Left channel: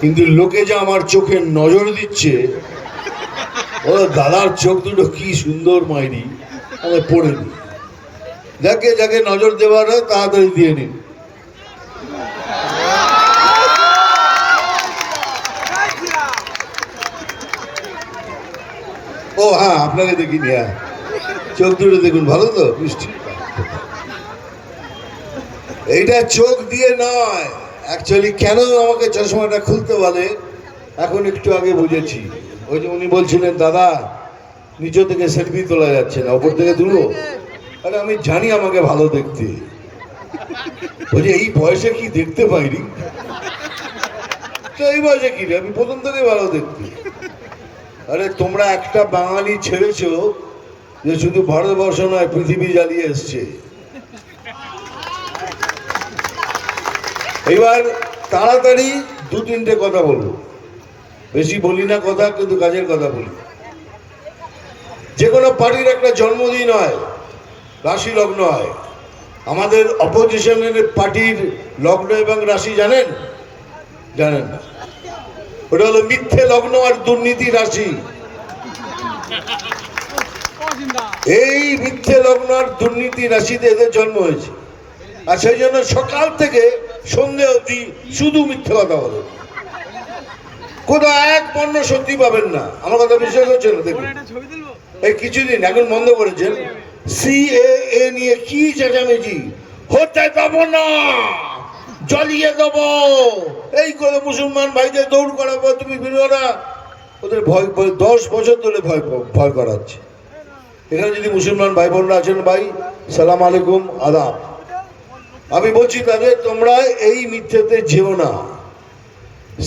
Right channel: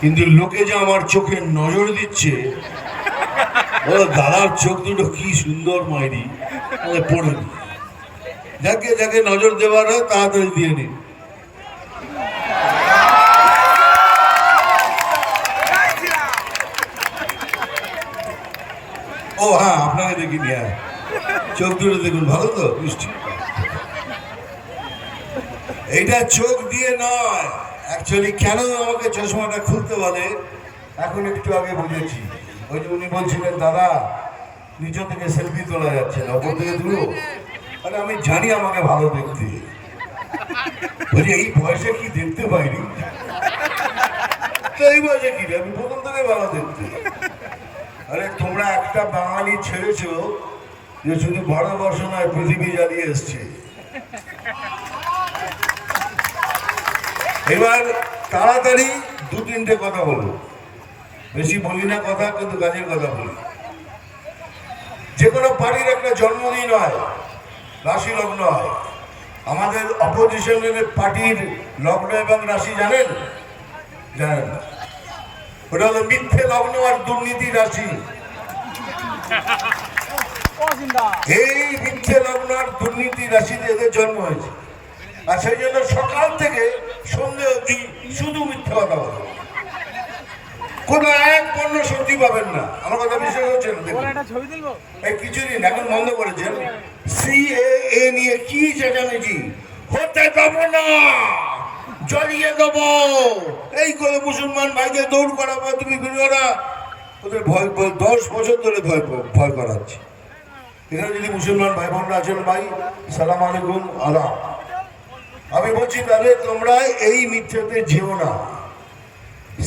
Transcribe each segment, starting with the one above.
কিন্তু লোকে যে আমার চোখে নজর দিচ্ছে, ও দাদার চোখ দুটো কি সুন্দর মাইরি আমি পড়ে নি। যাকে যাকে নজর দেওয়ার হয় তাড়াতাড়ি দিয়ে নিন ও হ্যাঁ আপনাকে দেখিনি হ্যাঁ। চোখ দুটো দেখুন, ভালো তো? মিষ্টি। এইটা চোখ দিয়ে নয়। অ্যাকচুয়ালি কেন আমাকে চশমাটা খুলতে বলে? এখন একটু আগে বুঝেছি। ওই যে উনি বলছিলেন, দাদা, নিচে থেকে সেলফি তোলা যাচ্ছে না, ওপর থেকে তুলো। আরে আমি জানি আমাকে ভালো দেখতে। বলছি এই বয়সে কি দেখতে পাইনি? এই বয়সে কি? আমি প্রথম থেকে ভালো দেখতে। আরে, তোমরা একটা বাঙালি ছেড়েছো যে শুধু ভারতবর্ষ নয়, পৃথিবী জ্বালিয়ে এসছে। এবার তাড়াতাড়ি দু তিনটে কথা বলব। বেশি বলি না কথা, কিন্তু কাজের কথা বলি। যে কোনো পার্টির একটা জন্মদিন হয় রাশি লগ্ন হয়। আমাদের অপোজিশনের পার্টির লগ্ন এবং রাশি জানেন? জানেন ওটা হলো মিথ্যে লগ্ন আর দুর্নীতি রাশি। এই মিথ্যে লগ্ন আর দুর্নীতি রাশিতে এদের জন্ম হয়েছে। আর সেই জন্য সকাল থেকে সন্ধে অবধি শুধু মিথ্যে কথা বলে। কোনো এক পণ্য সত্যি পাবেন না। আমার কথা বিশ্বাস হচ্ছে না, দেখুন। এই কিছুদিন এখন বন্ধ করেছেন। সি এ নিয়ে কি চেঁচামেচি? হতে পাবো না। জ্বলিয়ে দেবো। এই করে মুসলমান ভাইদের দৌড় করার পর তুমি না ওদের ভয়- দশ বছর ধরে ভয় ভয় করাচ্ছে। এখানে যদি মুসলমান ভাই বোনরা আছেন ভাই, সালাম আলাইকুম, আদাব। আমি বলছি তাদের তোমরা এই মিথ্যেতে যেও না।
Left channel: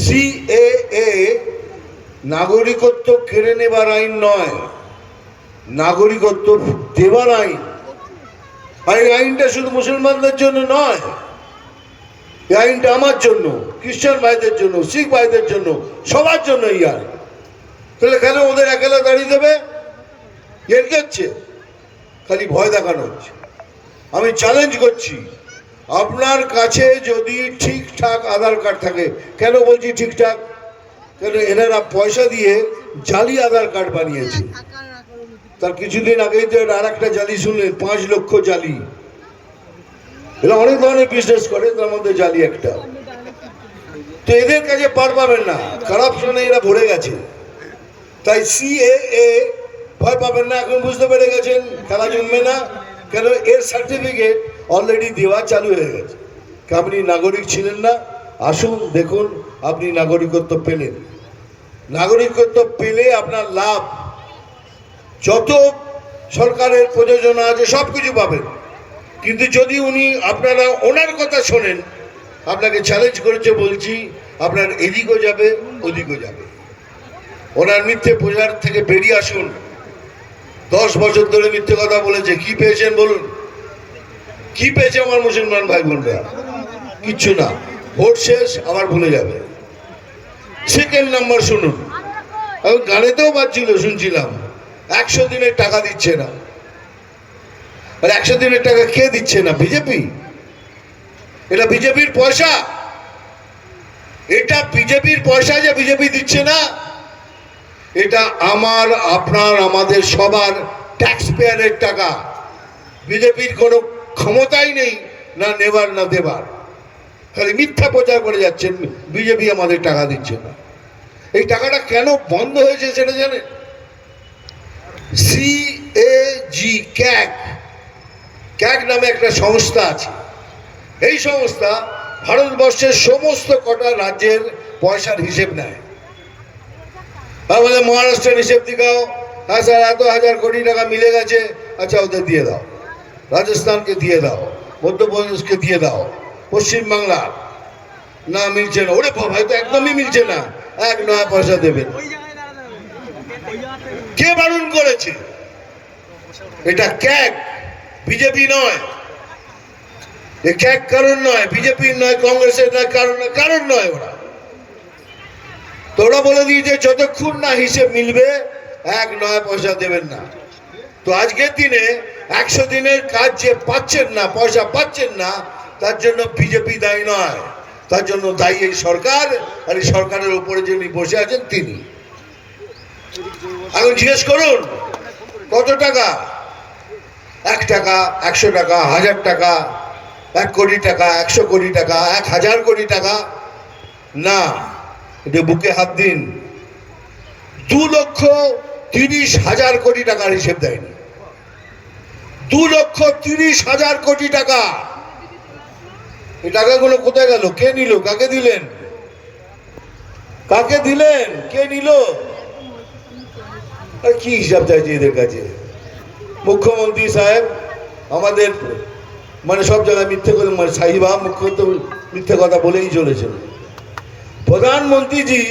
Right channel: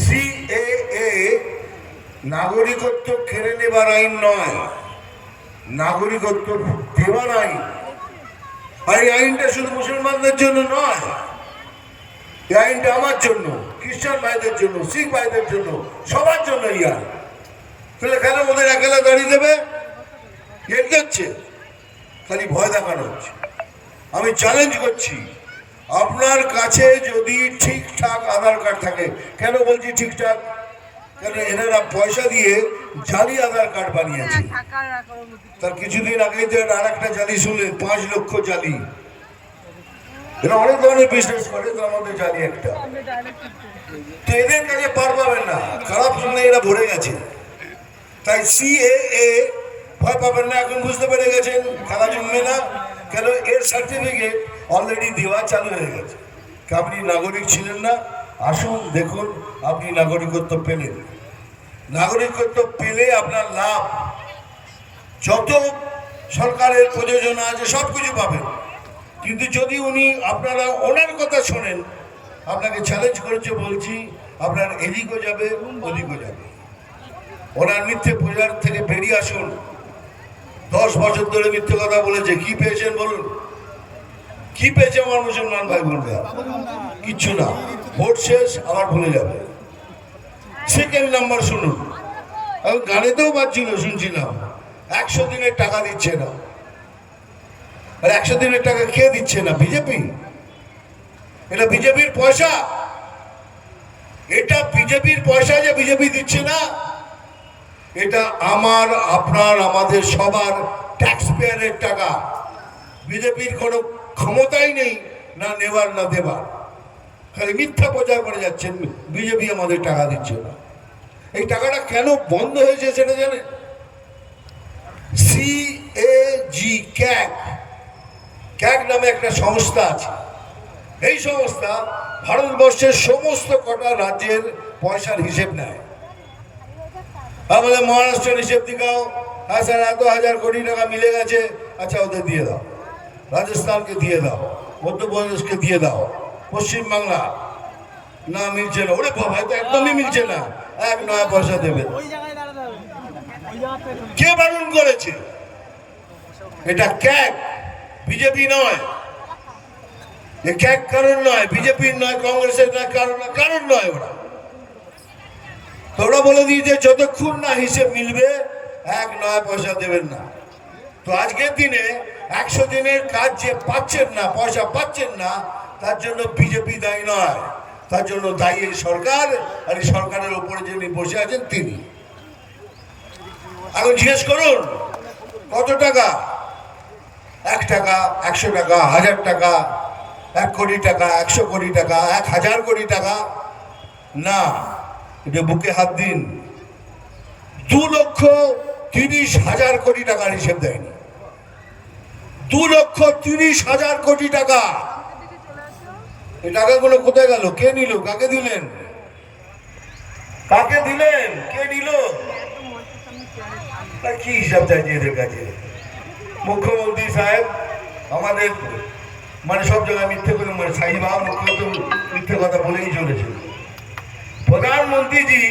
সি এ নাগরিকত্ব কেড়ে নেবার আইন নয়, নাগরিকত্ব দেওয়ার আইন। আর এই আইনটা শুধু মুসলমানদের জন্য নয়, এই আইনটা আমার জন্য, খ্রিস্টান ভাইদের জন্য, শিখ ভাইদের জন্য, সবার জন্য এই আইন। তাহলে কেন ওদের একেলা দাঁড়িয়ে দেবে? এর কি হচ্ছে? খালি ভয় দেখানো হচ্ছে। আমি চ্যালেঞ্জ করছি। আপনার কাছে যদি ঠিকঠাক আধার কার্ড থাকে কেন বলছি ঠিকঠাক? কেন এনারা পয়সা দিয়ে জালি আধার কার্ড বানিয়েছে? তার কিছুদিন আগেই তো আর একটা জালি শুনলেন পাঁচ লক্ষ জালি। এরা অনেক ধরনের বিজনেস করে তার মধ্যে জালি একটা। তো এদের কাছে পার পাবেন না খারাপ কারাপশনে এরা ভরে গেছে। তাই সিএএ ভয় পাবেন না এখন বুঝতে পেরে গেছেন খেলা জমবে না। কেন এর সার্টিফিকেট অলরেডি দেওয়া চালু হয়ে গেছে। আপনি নাগরিক ছিলেন না, আসুন দেখুন আপনি নাগরিকত্ব পেলেন। নাগরিকত্ব পেলে আপনার লাভ, যত সরকারের প্রযোজনা আছে সব কিছু পাবেন। কিন্তু যদি উনি আপনারা ওনার কথা শোনেন, আপনাকে চ্যালেঞ্জ করেছে বলছি, আপনার এদিকও যাবে, ওদিকও যাবে। ওনার মিথ্যে প্রচার থেকে বেরিয়ে আসুন। দশ বছর ধরে মিথ্যে কথা বলেছে। কি পেয়েছেন বলুন? কি পেয়েছে আমার মুসলমান ভাই বোনরা? কিচ্ছু না। ভোট শেষ, আবার ভুলে যাবে। সেকেন্ড নাম্বার শুনুন। আমি গানেতেও পাচ্ছিল শুনছিলাম। একশো দিনের টাকা দিচ্ছে না। আর একশো দিনের টাকা কে দিচ্ছে না? বিজেপি? এটা বিজেপির পয়সা। এটা বিজেপির পয়সা যে বিজেপি দিচ্ছে না এটা আমার, আপনার, আমাদের সবার ট্যাক্স পেয়ারের টাকা। বিজেপির কোনো ক্ষমতাই নেই না নেবার, না দেবার। খালি মিথ্যা প্রচার করে যাচ্ছেন, বিজেপি আমাদের টাকা দিচ্ছে না। এই টাকাটা কেন বন্ধ হয়েছে সেটা জানেন? সি এ জি ক্যাক ক্যাক নামে একটা সংস্থা আছে। এই সংস্থা ভারতবর্ষের সমস্ত কটা রাজ্যের পয়সার হিসেব নেয়। আমাদের মহারাষ্ট্রের হিসেব দিকাও হ্যাঁ স্যার এত হাজার কোটি টাকা মিলে গেছে আচ্ছা ওদের দিয়ে দাও। রাজস্থানকে দিয়ে দাও, মধ্যপ্রদেশকে দিয়ে দাও, পশ্চিমবাংলা। না, মিলছে না। ওরে বাবা তো একদমই মিলছে না। এক নয়া পয়সা দেবে। কে বারণ করেছে? এটা ক্যাক, বিজেপি নয়। এ ক্যাক কারণ নয় বিজেপির নয়, কংগ্রেসের নয় কারণ কারণ নয় ওরা। তো ওরা বলে দিয়েছে যতক্ষণ না হিসেব মিলবে, এক নয় পয়সা দেবেন না। তো আজকের দিনে একশো দিনের কাজ যে পাচ্ছেন না, পয়সা পাচ্ছেন না, তার জন্য বিজেপি দায়ী নয়। তার জন্য দায়ী এই সরকার, আর এই সরকারের উপরে যিনি বসে আছেন তিনি। এখন জিজ্ঞেস করুন, কত টাকা? এক টাকা, একশো টাকা, হাজার টাকা, এক কোটি টাকা, একশো কোটি টাকা, এক হাজার কোটি টাকা? না। এটা বুকে হাত দিন, দু লক্ষ তিরিশ হাজার কোটি টাকার হিসেব দেয়নি দু লক্ষ তিরিশ হাজার কোটি টাকা। এই টাকাগুলো কোথায় গেল? কে নিল? কাকে দিলেন? কাকে দিলেন? কে নিল? কি হিসাব চাইছে এদের কাছে? মুখ্যমন্ত্রী সাহেব, আমাদের মানে সব জায়গায় মিথ্যে করে মানে সাহিবা মুখ্যমন্ত্রী মিথ্যে কথা বলেই চলেছেন। প্রধানমন্ত্রীজি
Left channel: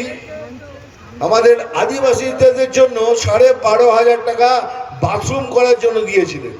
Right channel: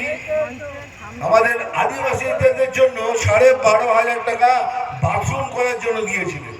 আমাদের আদিবাসীদের জন্য সাড়ে বারো হাজার টাকা বাথরুম করার জন্য দিয়েছিলেন।